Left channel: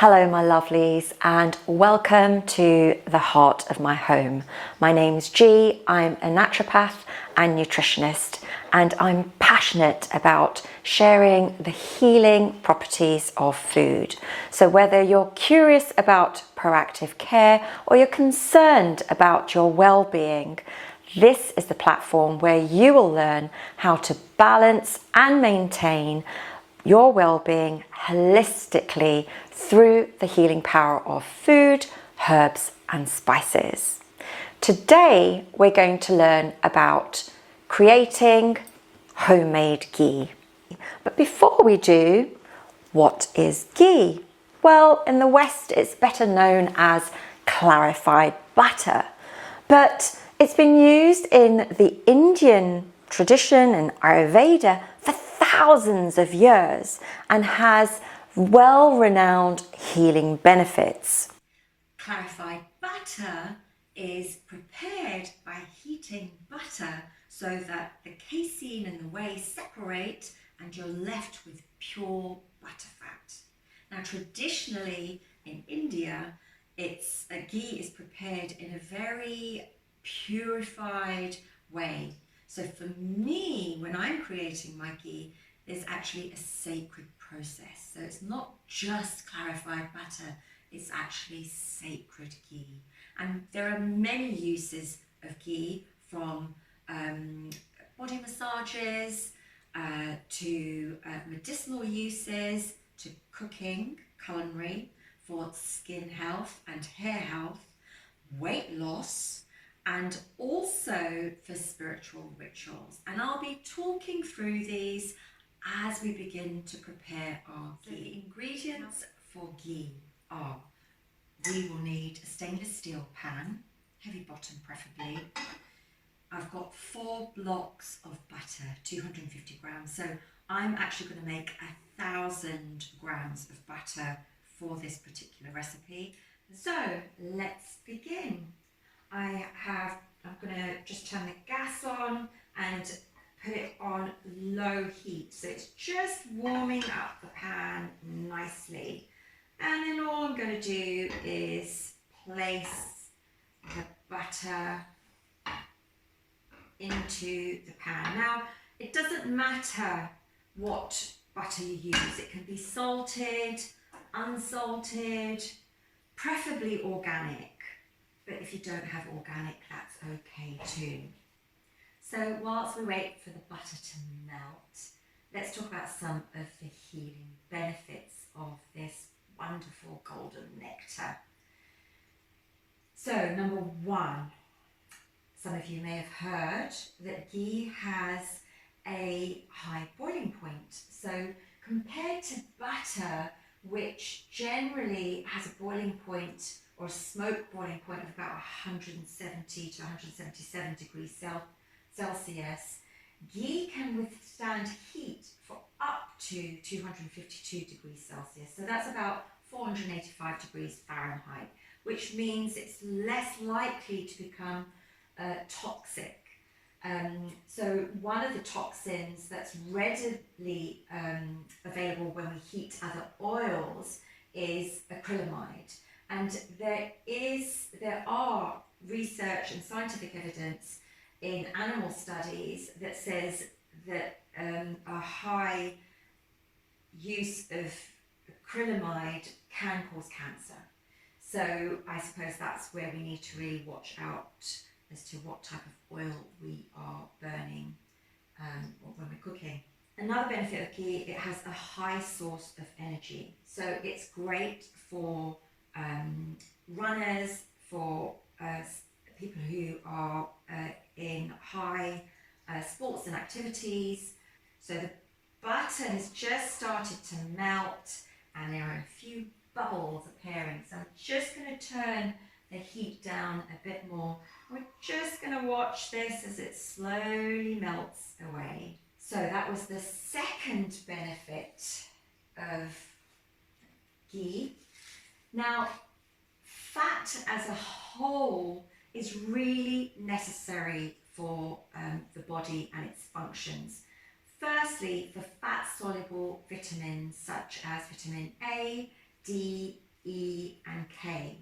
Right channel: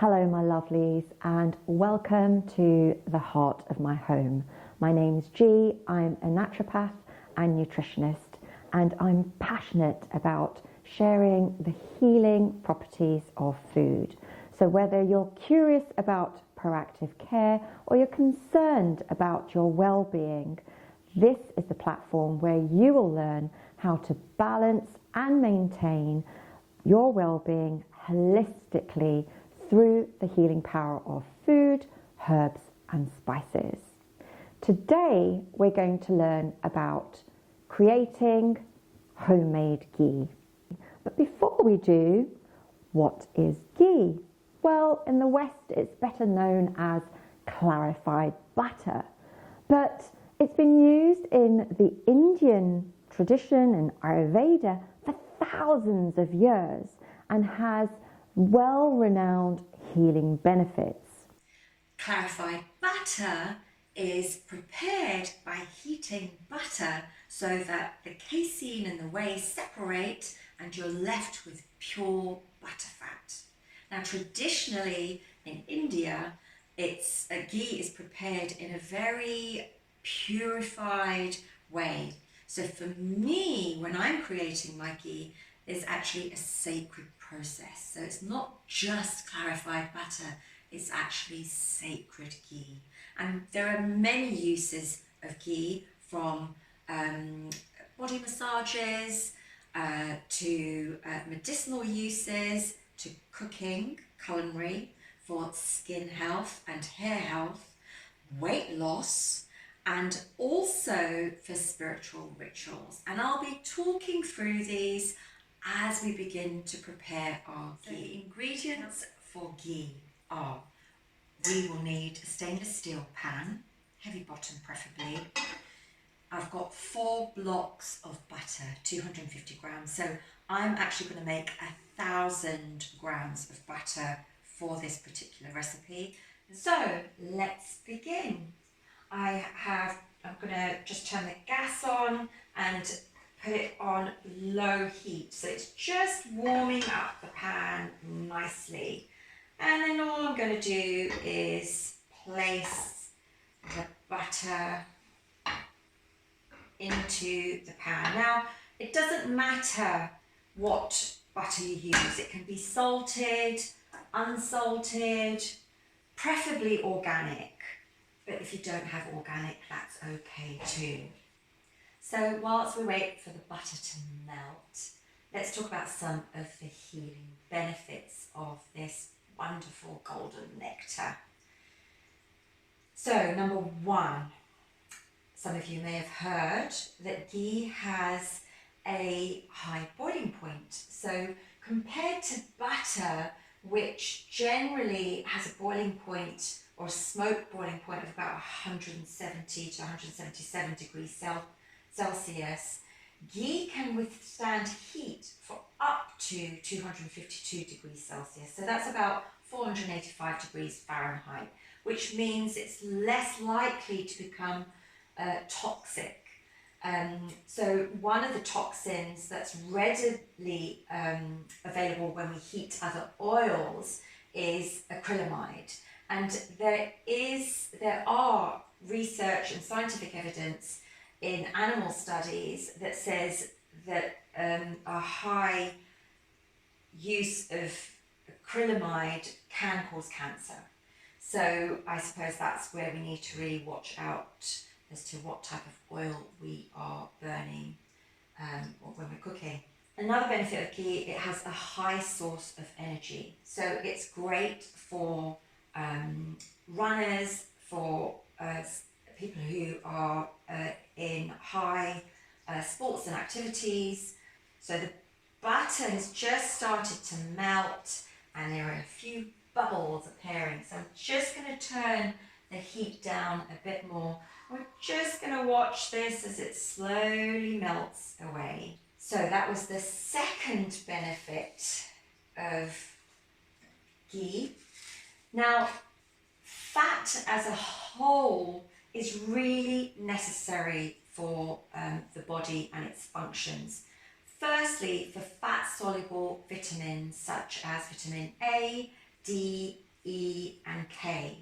Hello my lovelies and welcome to the heart of my home. My name's Ghee, I'm a naturopath and nutritionist and I'm passionate about sharing the healing properties of food. So whether you're curious about proactive care or you're concerned about your well-being, this is the platform where you will learn how to balance and maintain your well-being holistically through the healing power of food, herbs and spices. Today we're going to learn about creating homemade ghee. But before we do, what is ghee? Well, in the West it's better known as clarified butter, but it's been used in the Indian tradition and Ayurveda for thousands of years and has well-renowned healing benefits. Clarified butter is prepared by heating butter so that the casein and the whey separate and you're left with pure butter fat. Now traditionally in India, ghee is prepared in a very purified way. So for me, when I'm creating my ghee, there's actually a sacred process. So it's not just clarified butter, it's actually sacred ghee. And there are many uses of ghee, from body massages to medicinal uses, to cooking, culinary, for skin health and hair health, weight loss, and also for spiritual rituals. And I'll be talking through these as we begin to prepare our ghee. The ingredients for ghee are: we will need a stainless steel pan, heavy bottom preferably. I've got 4 blocks of butter, 250 grams. So I'm actually going to make 1,000 grams of butter for this particular recipe. So let's begin. I'm going to just turn the gas on and put it on low heat. So it's just warming up the pan nicely. And then all I'm going to do is place the butter into the pan. Now, it doesn't matter what butter you use. It can be salted, unsalted, preferably organic. But if you don't have organic, that's okay too. So whilst we wait for the butter to melt, let's talk about some of the healing benefits of this wonderful golden nectar. So number 1, some of you may have heard that ghee has a high boiling point. So compared to butter, which generally has a boiling point or a smoke boiling point of about 170 to 177 degrees Celsius, ghee can withstand heat for up to 252 degrees Celsius. So that's about 485 degrees Fahrenheit, which means it's less likely to become toxic. So one of the toxins that's readily available when we heat other oils is acrylamide. And there are research and scientific evidence in animal studies that says that a high use of acrylamide can cause cancer. So I suppose that's where we need to really watch out as to what type of oil we are burning when we're cooking. Another benefit of ghee, it has a high source of energy. So it's great for runners, for people who are in high sports and activities. So the butter has just started to melt and there are a few bubbles appearing. So I'm just going to turn the heat down a bit more. We're just going to watch this as it slowly melts away. So that was the second benefit of ghee. Now, fat as a whole is really necessary for the body and its functions. Firstly, for fat-soluble vitamins such as vitamin A, D, E and K.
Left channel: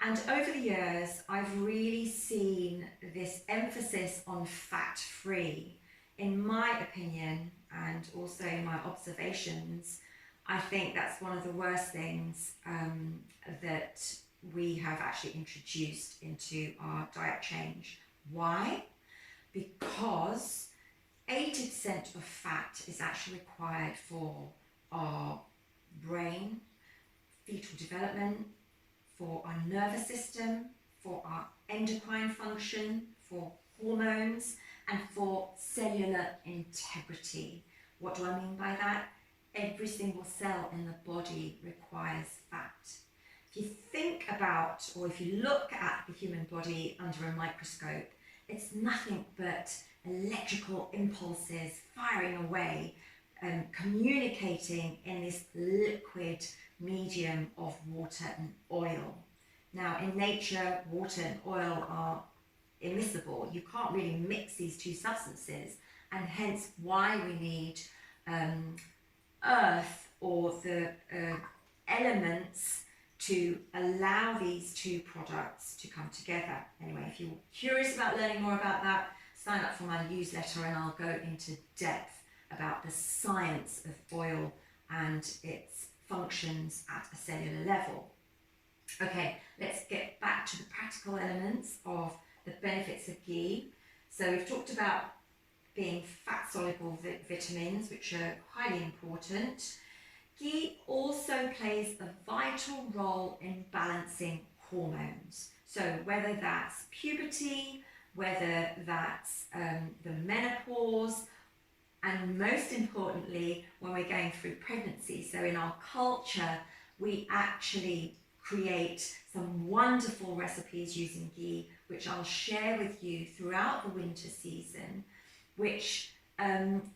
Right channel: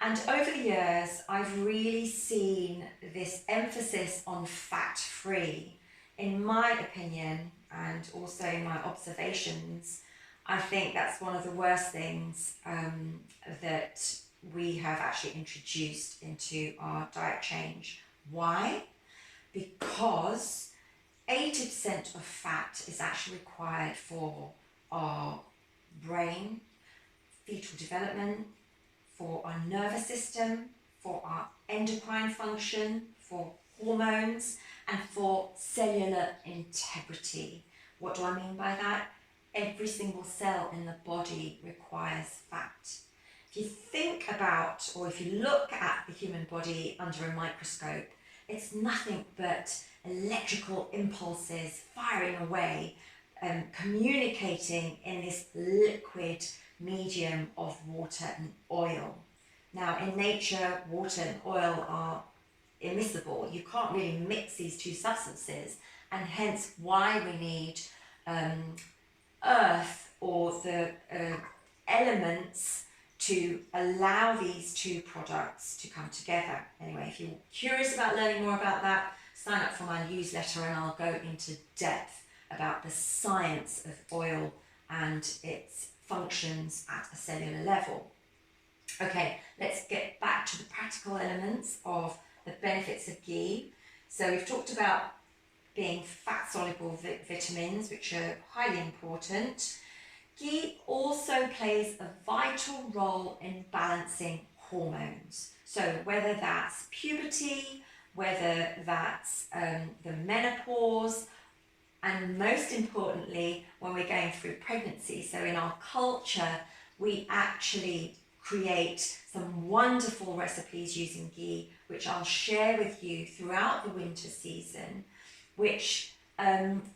And over the years, I've really seen this emphasis on fat-free. In my opinion, and also in my observations, I think that's one of the worst things that we have actually introduced into our diet change. Why? Because 80% of fat is actually required for our brain, fetal development, for our nervous system, for our endocrine function, for hormones, and for cellular integrity. What do I mean by that? Every single cell in the body requires fat. If you think about, or if you look at the human body under a microscope, it's nothing but electrical impulses firing away, communicating in this liquid medium of water and oil. Now, in nature, water and oil are immiscible. You can't really mix these two substances, and hence why we need earth or the elements to allow these two products to come together. Anyway, if you're curious about learning more about that, sign up for my newsletter and I'll go into depth about the science of oil and its functions at a cellular level. Okay, let's get back to the practical elements of the benefits of ghee. So we've talked about being fat-soluble vitamins, which are highly important. Ghee also plays a vital role in balancing hormones. So whether that's puberty, whether that's the menopause, and most importantly, when we're going through pregnancy. So in our culture, we actually create some wonderful recipes using ghee, which I'll share with you throughout the winter season, which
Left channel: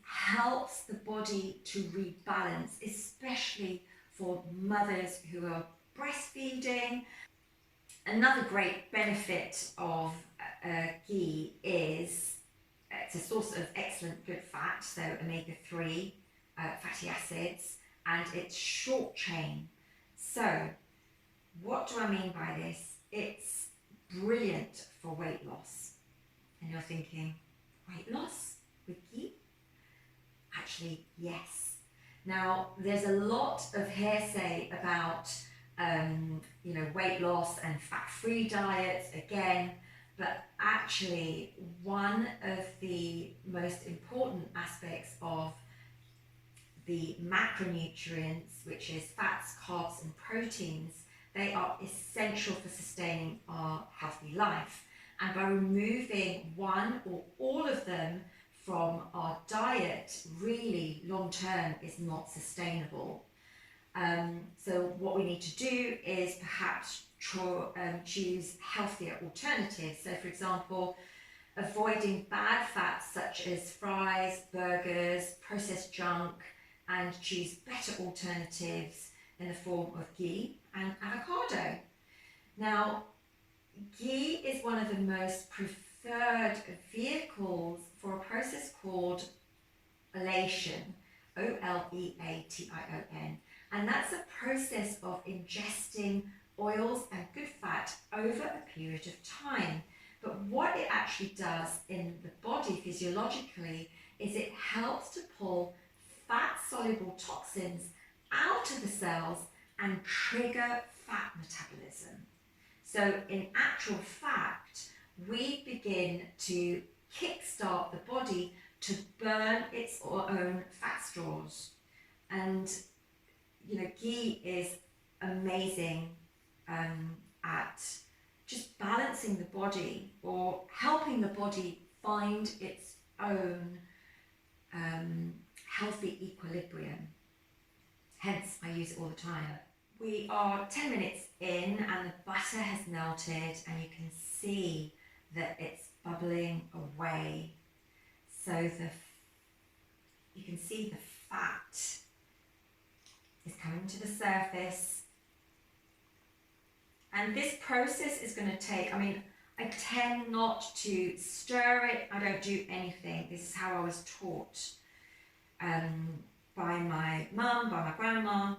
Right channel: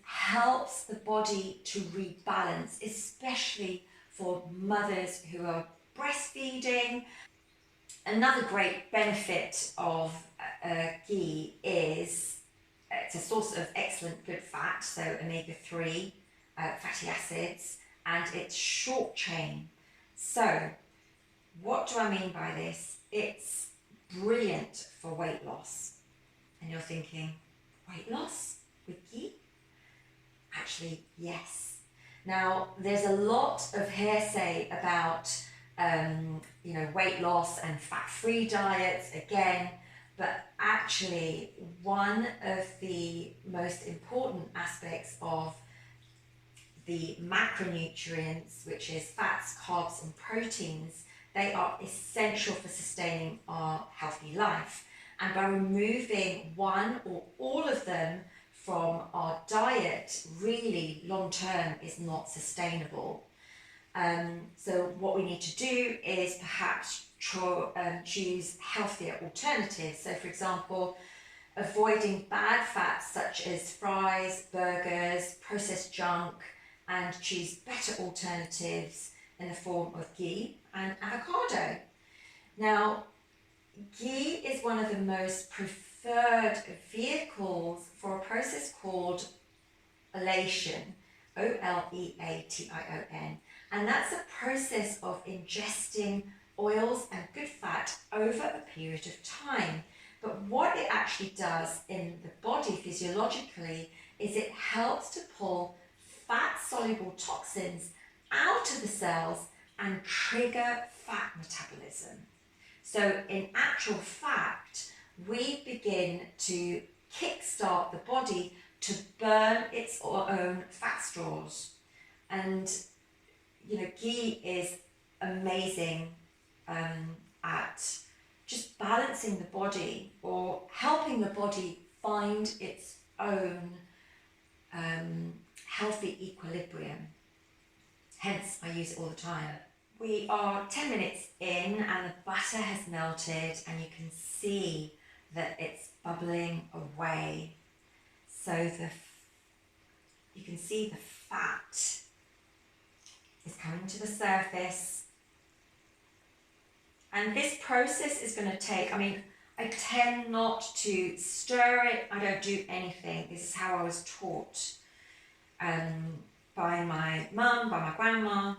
helps the body to rebalance, especially for mothers who are breastfeeding. Another great benefit of ghee is it's a source of excellent good fat, so omega-3 fatty acids, and it's short chain. So what do I mean by this? It's brilliant for weight loss. And you're thinking, weight loss with ghee? Actually, yes. Now, there's a lot of hearsay about weight loss and fat-free diets again, but actually one of the most important aspects of the macronutrients, which is fats, carbs and proteins, they are essential for sustaining our healthy life. And by removing one or all of them from our diet, really long term is not sustainable. So what we need to do is perhaps choose healthier alternatives. So for example, avoiding bad fats such as fries, burgers, processed junk, and choose better alternatives in the form of ghee and avocado. Now, ghee is one of the most preferred vehicles for a process called oleation, O-L-E-A-T-I-O-N, and that's a process of ingesting oils and good fat over a period of time. But what it actually does in the body physiologically is it helps to pull fat-soluble toxins out of the cells and trigger fat metabolism. So in actual fact, we begin to kickstart the body to burn its own fat stores. And ghee is amazing at just balancing the body or helping the body find its own healthy equilibrium. Hence, I use it all the time. We are 10 minutes in and the butter has melted and you can see that it's bubbling away. So you can see the fat is coming to the surface. And this process is going to take, I tend not to stir it. I don't do anything. This is how I was taught by my mum, by my grandma.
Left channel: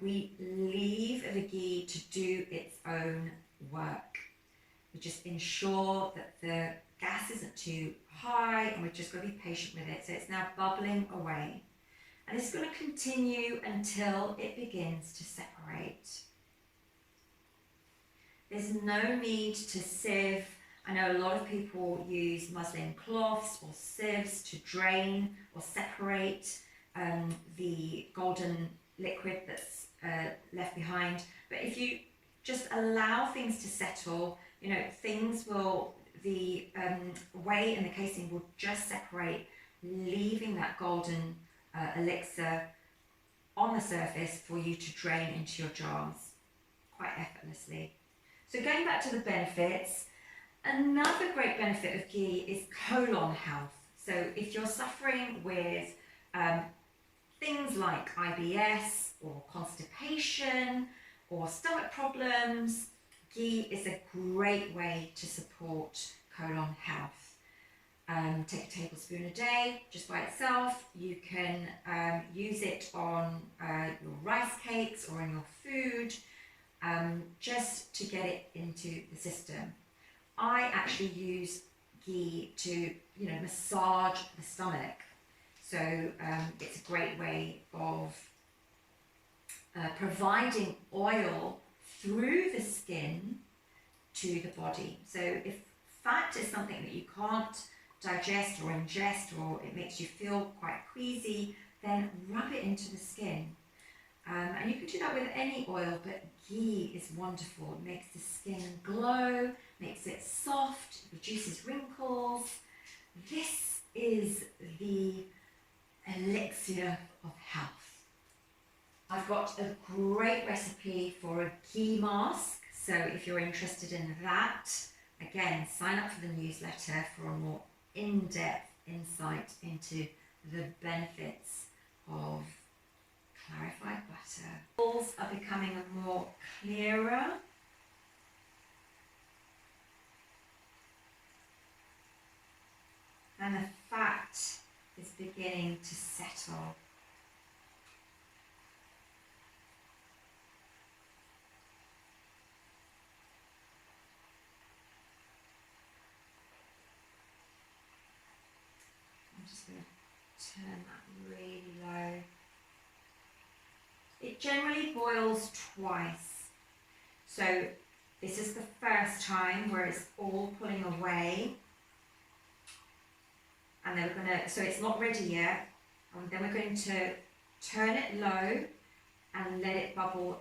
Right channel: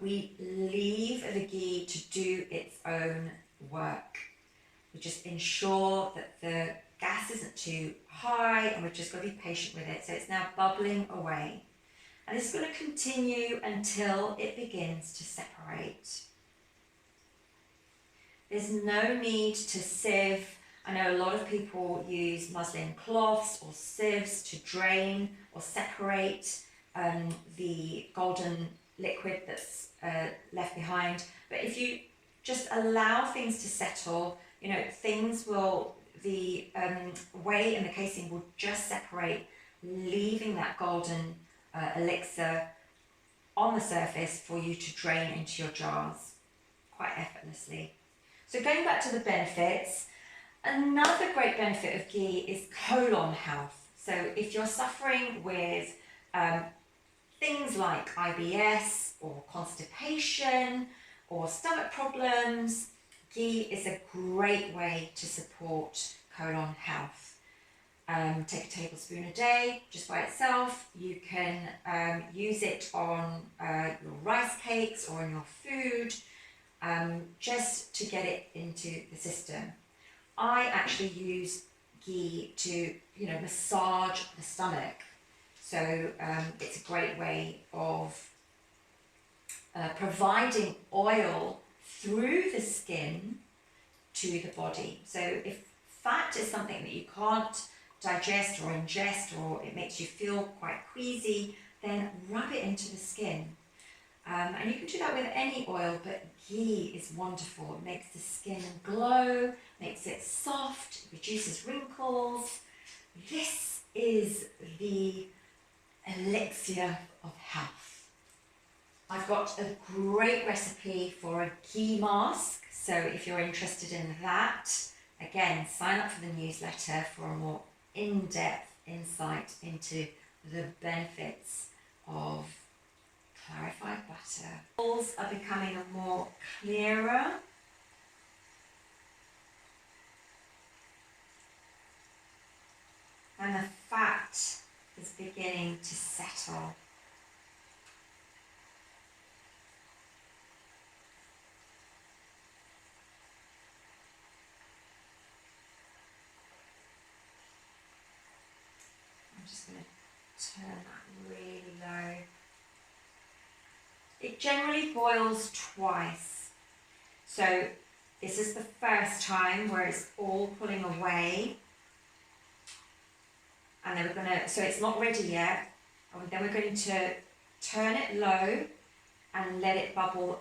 We leave the ghee to do its own work. We just ensure that the gas isn't too high, and we've just got to be patient with it. So it's now bubbling away. And it's going to continue until it begins to separate. There's no need to sieve. I know a lot of people use muslin cloths or sieves to drain or separate the golden liquid that's left behind. But if you just allow things to settle, you know, things will, the whey and the casein will just separate, leaving that golden elixir on the surface for you to drain into your jars quite effortlessly. So going back to the benefits, another great benefit of ghee is colon health. So if you're suffering with things like IBS or constipation or stomach problems, ghee is a great way to support colon health. Take a tablespoon a day just by itself. You can use it on your rice cakes or in your food, just to get it into the system. I actually use ghee to, you know, massage the stomach. So it's a great way of providing oil through the skin to the body. So if fat is something that you can't digest or ingest, or it makes you feel quite queasy, then rub it into the skin. And you can do that with any oil, but ghee is wonderful. It makes the skin glow, makes it soft, reduces wrinkles. This is the elixir of health. I've got a great recipe for a ghee mask, so if you're interested in that, again, sign up for the newsletter for a more in-depth insight into the benefits of clarified butter. Balls are becoming more clearer. And the fat is beginning to settle. I'm just going to turn that really low. It generally boils twice. So this is the first time where it's all pulling away. And then we're going to, so it's not ready yet. And then we're going to turn it low and let it bubble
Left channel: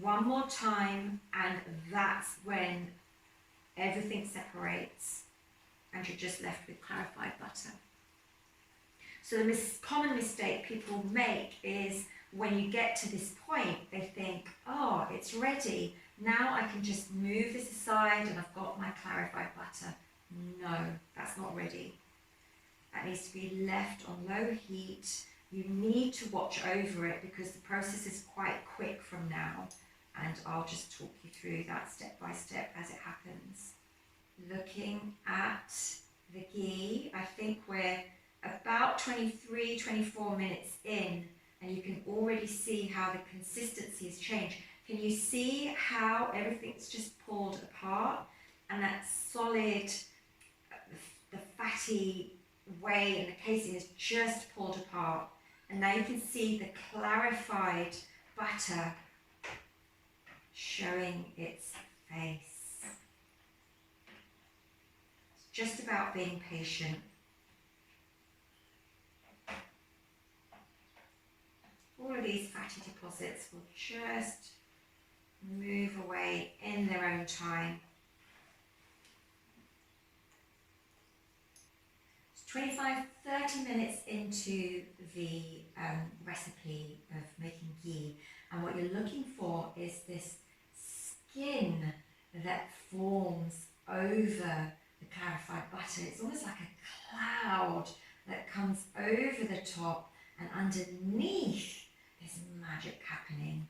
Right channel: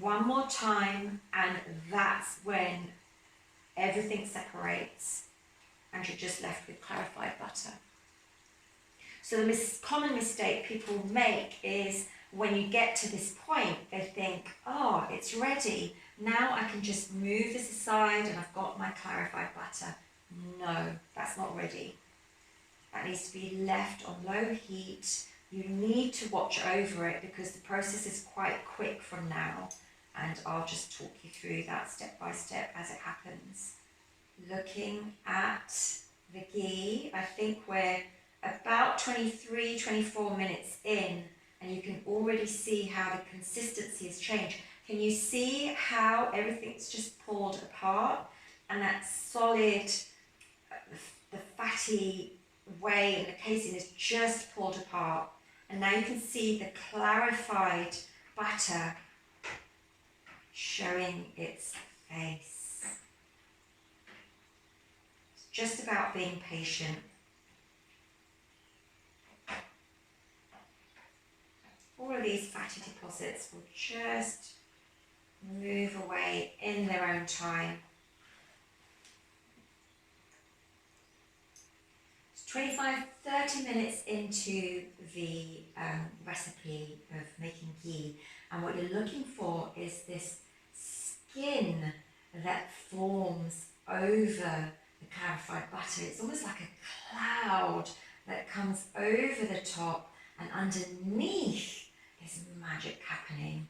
one more time. And that's when everything separates and you're just left with clarified butter. So the common mistake people make is when you get to this point, they think, oh, it's ready. Now I can just move this aside and I've got my clarified butter. No, that's not ready. That needs to be left on low heat. You need to watch over it because the process is quite quick from now. And I'll just talk you through that step by step as it happens. Looking at the ghee, I think we're about 23, 24 minutes in, and you can already see how the consistency has changed. Can you see how everything's just pulled apart? And that solid, the fatty whey and the casein is just pulled apart. And now you can see the clarified butter showing its face. It's just about being patient. All of these fatty deposits will just move away in their own time. 25-30 minutes into the recipe of making ghee, and what you're looking for is this skin that forms over the clarified butter. It's almost like a cloud that comes over the top, and underneath there's magic happening.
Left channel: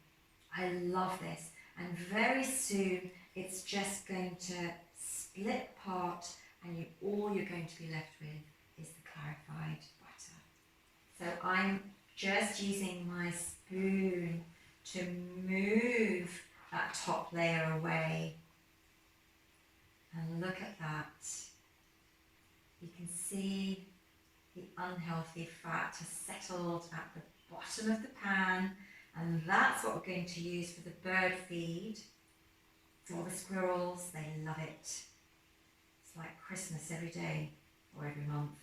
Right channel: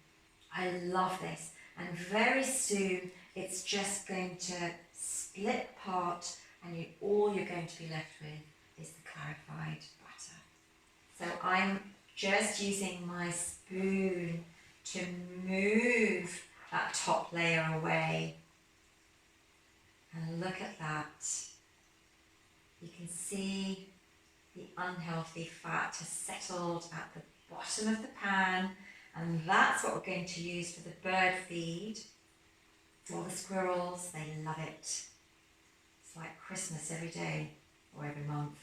I love this, and very soon it's just going to split apart, and all you're going to be left with is the clarified butter. So I'm just using my spoon to move that top layer away. And look at that. You can see the unhealthy fat has settled at the bottom of the pan, and that's what we're going to use for the bird feed. For the squirrels, they love it. It's like Christmas every day or every month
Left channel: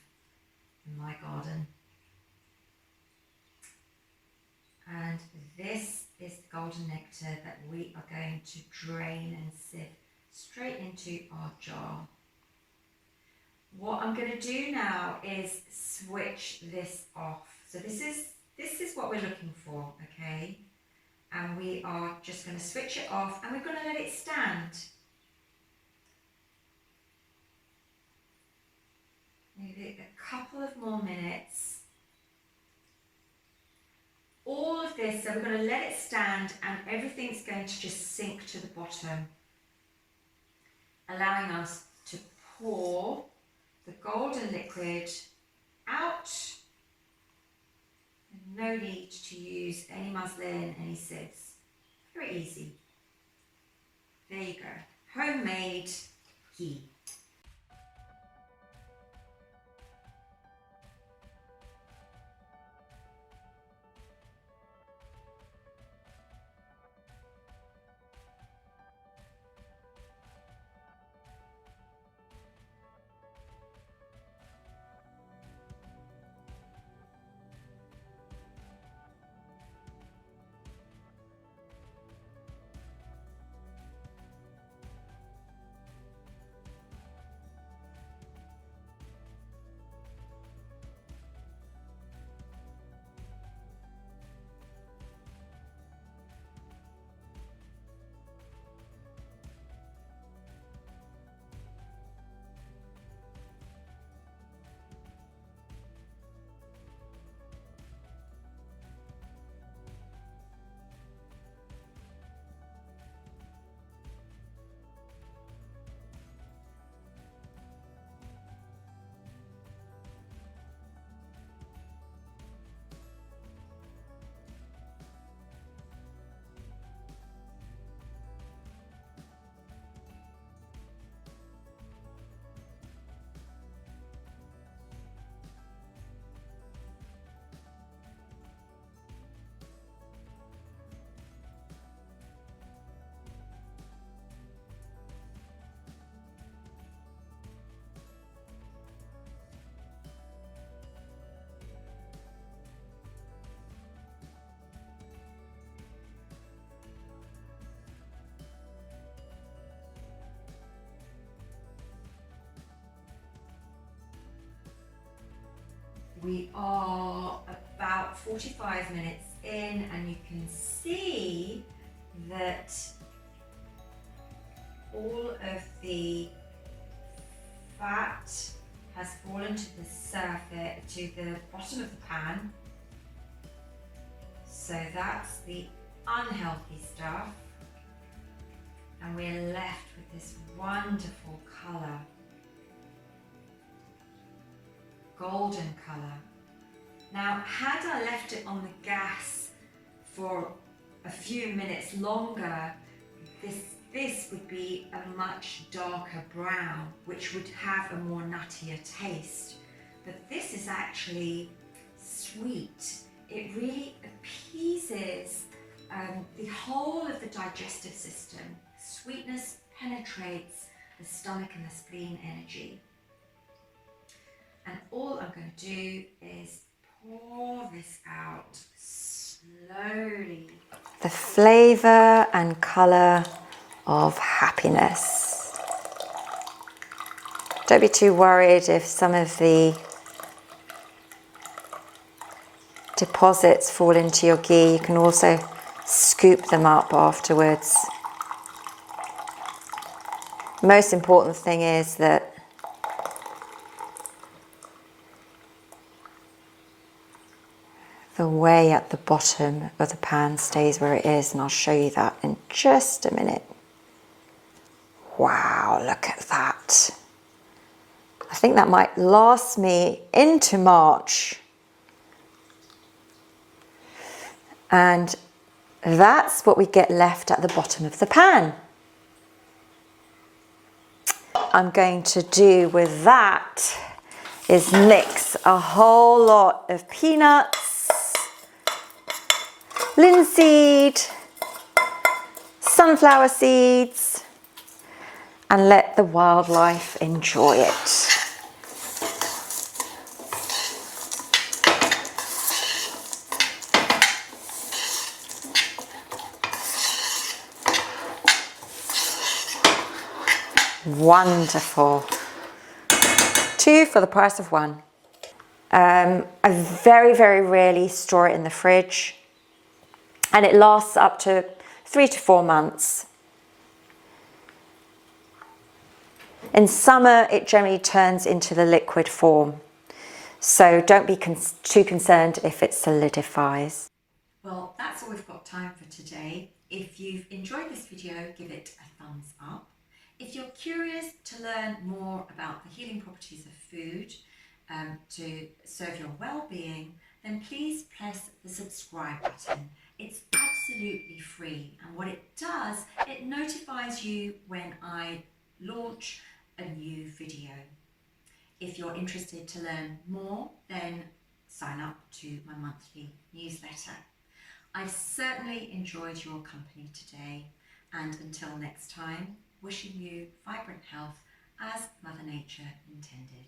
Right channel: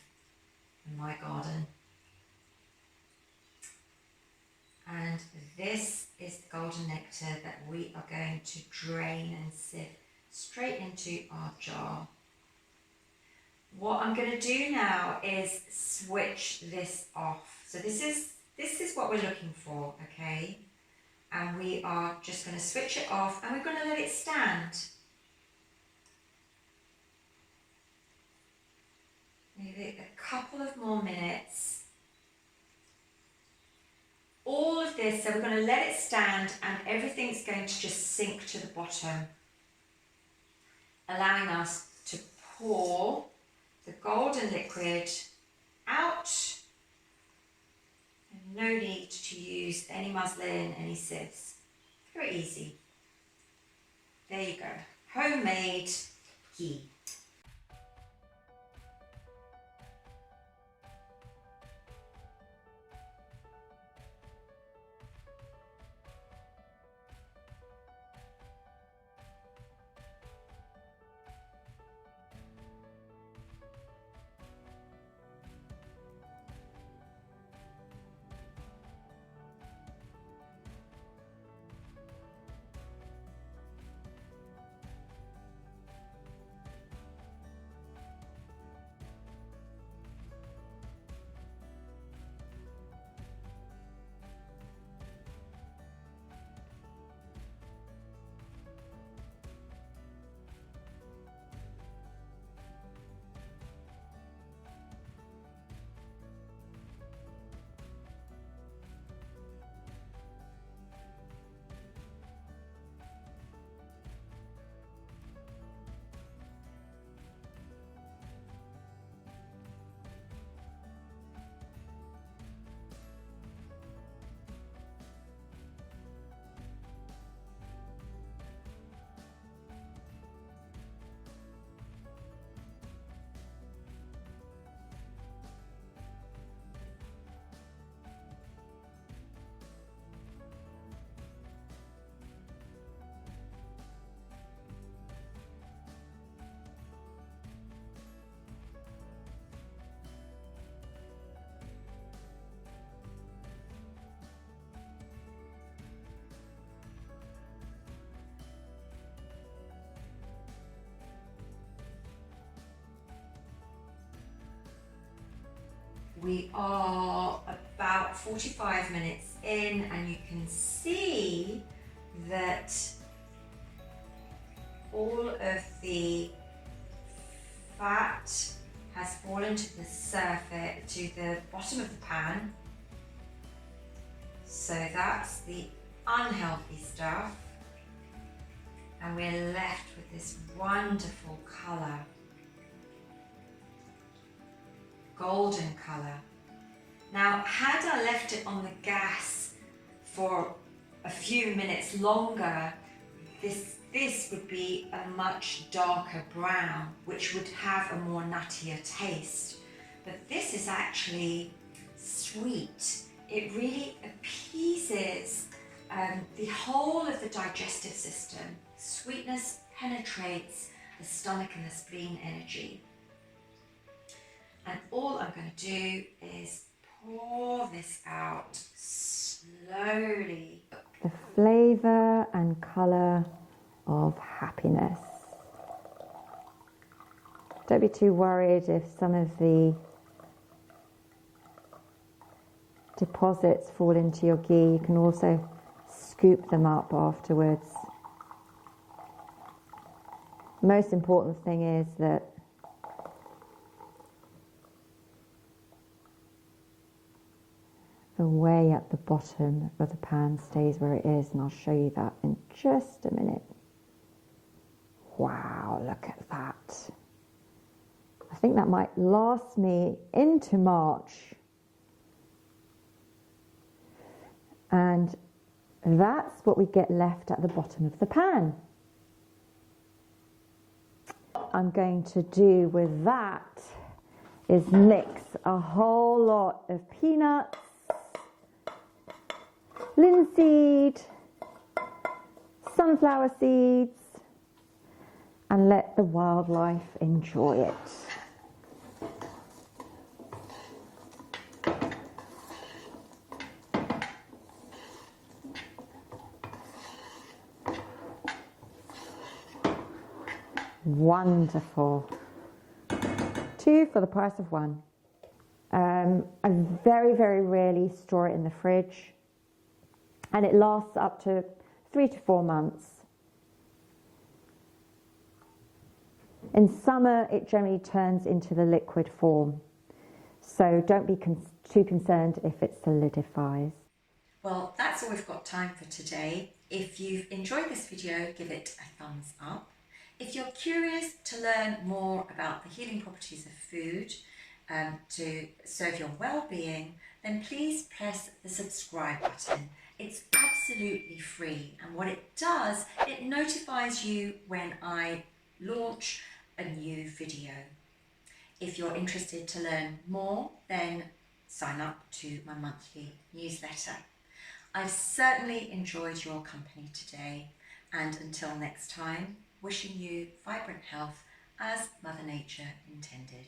in my garden. And this is the golden nectar that we are going to drain and sieve straight into our jar. What I'm going to do now is switch this off. So this is what we're looking for, okay? And we are just going to switch it off, and we're going to let it stand. Maybe a couple of more minutes. All of this, so we're going to let it stand, and everything's going to just sink to the bottom, allowing us to pour the golden liquid out. And no need to use any muslin, any sieves. Very easy. There you go. Homemade ghee. We are about 45 minutes in, and you can see that all of the fat has fallen to the surface, to the bottom of the pan. So that's the unhealthy stuff, and we're left with this wonderful colour. Golden colour. Now, had I left it on the gas for a few minutes longer, this would be a much darker brown, which would have a more nuttier taste. But this is actually sweet. It really appeases the whole of the digestive system. Sweetness penetrates the stomach and the spleen energy. And all I'm going to do is pour this out slowly. The flavour and colour of happiness. Don't be too worried if some of the deposits fall into your ghee. You can also scoop them up afterwards. The most important thing is that the whey at the bottom of the pan stays where it is, and I'll show you that in just a minute. Wow, look at that. I think that might last me into March. And that's what we get left at the bottom of the pan. I'm going to do with that is mix a whole lot of peanuts, linseed, sunflower seeds, and let the wildlife enjoy it. Wonderful. 2 for the price of 1. I very, very rarely store it in the fridge, and it lasts up to 3 to 4 months. In summer, it generally turns into the liquid form, so don't be too concerned if it solidifies. Well, that's all we've got time for today. If you've enjoyed this video, give it a thumbs up. If you're curious to learn more about the healing properties of food to serve your well-being, then please press the subscribe button. It's absolutely free, and what it does, it notifies you when I launch a new video. If you're interested to learn more, then sign up to my monthly newsletter. I've certainly enjoyed your company today, and until next time, wishing you vibrant health as Mother Nature intended.